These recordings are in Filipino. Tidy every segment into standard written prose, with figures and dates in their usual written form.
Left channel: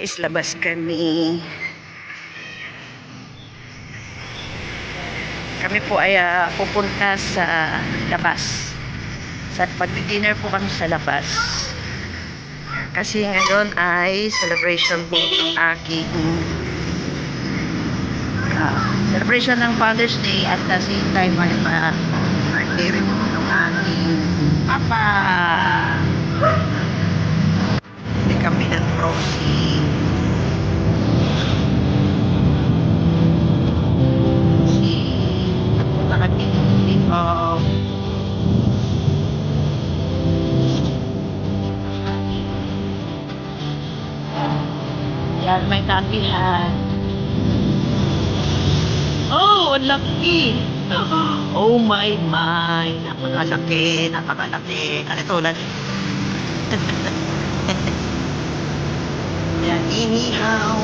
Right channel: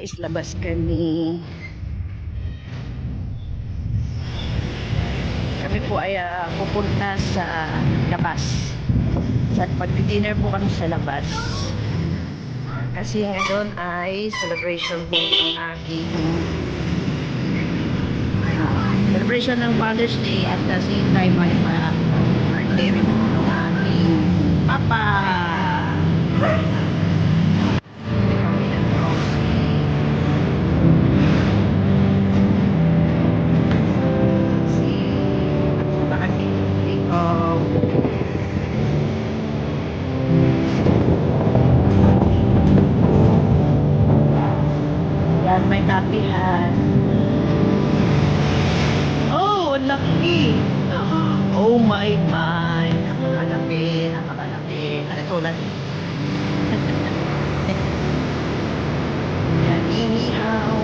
Guys, labas kami. Kami po ay pupunta sa labas. Sa pag-dinner po kami sa labas. Kasi ngayon ay celebration po ng aking celebration ng Father's Day at the same time ay birthday rin po ng aking papa. Hindi kami ng Rosie. Yan, may tapihan. Oh, ang laki! Oh my. Napakalaki. Ito lang. Yan, inihaw.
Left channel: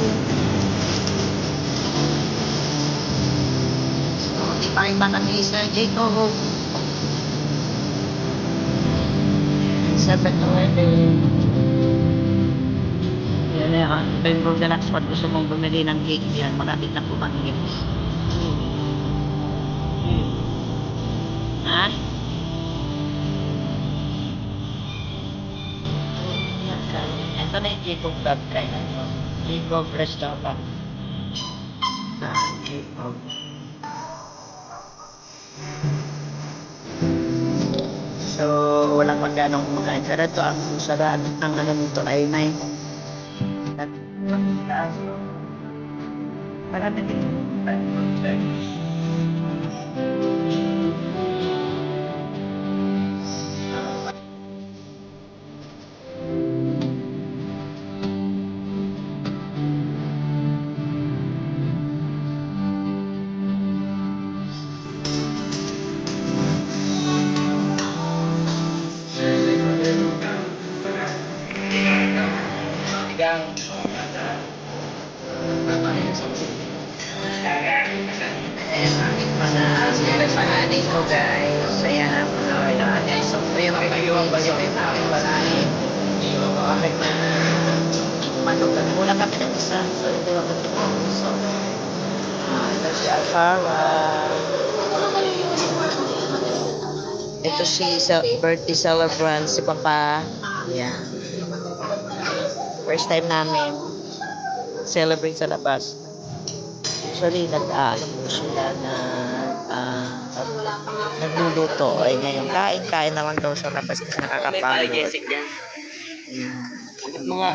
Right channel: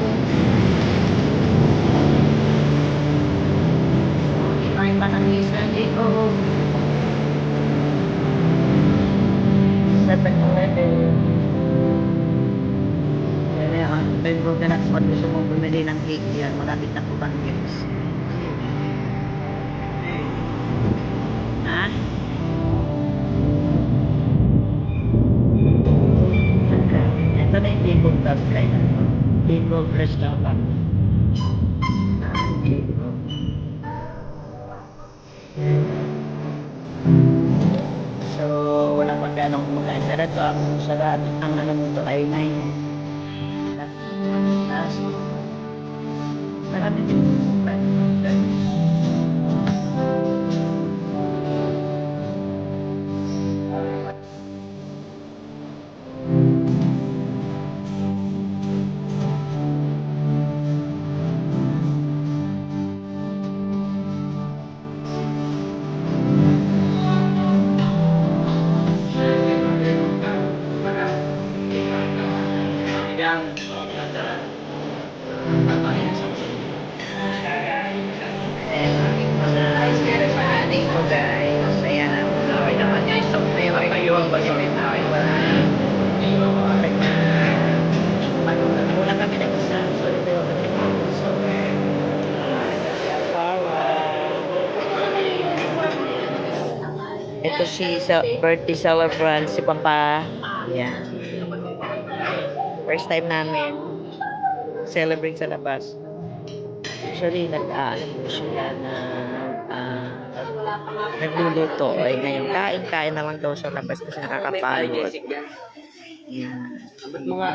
So, ipakita kami sa Jacob. 7-Eleven. Yan yan. Pwede mo ganap sa gusto mong bumili ng cake yan. Malapit na po kami guys. Ha? Ito na yung Jacob Club kaya. Jacob Restaurant. Jacob. So, walang magkanong kumakain. Pero ito, ang sarap, ang ano nito ay 9. Marami dito. So guys, ayan. So, mayroon kayo ang pag-ibig namin. Okay na. Muna kami ng isa. So, ito yung so, ito si Alfara. Ito si birthday celebrant, si Papa. Yeah. First time namin celebrate sa labas. Actually, nag-ano po sila na nagluluto. Ay, ngayon, kain na lang daw sa labas kasi nakakapagod. Mga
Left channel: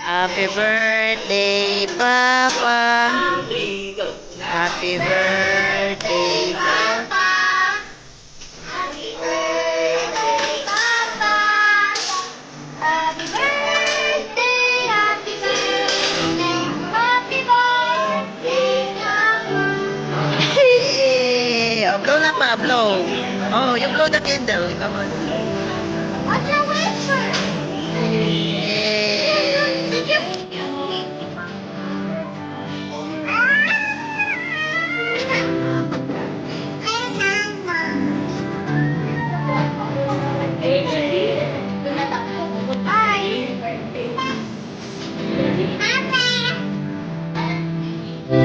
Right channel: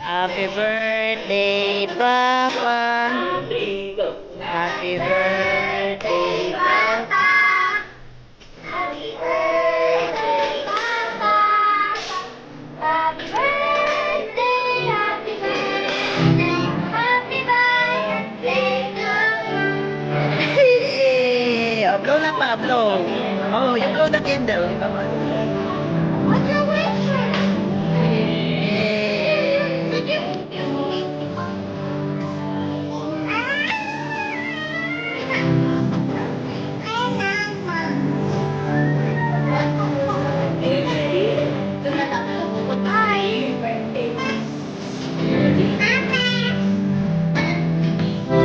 Happy birthday, Papa. Happy birthday, Papa. Happy birthday, Papa. Happy birthday, happy birthday, happy birthday to you. Blow na pa, blow. Oh, you blow the candle. Come on.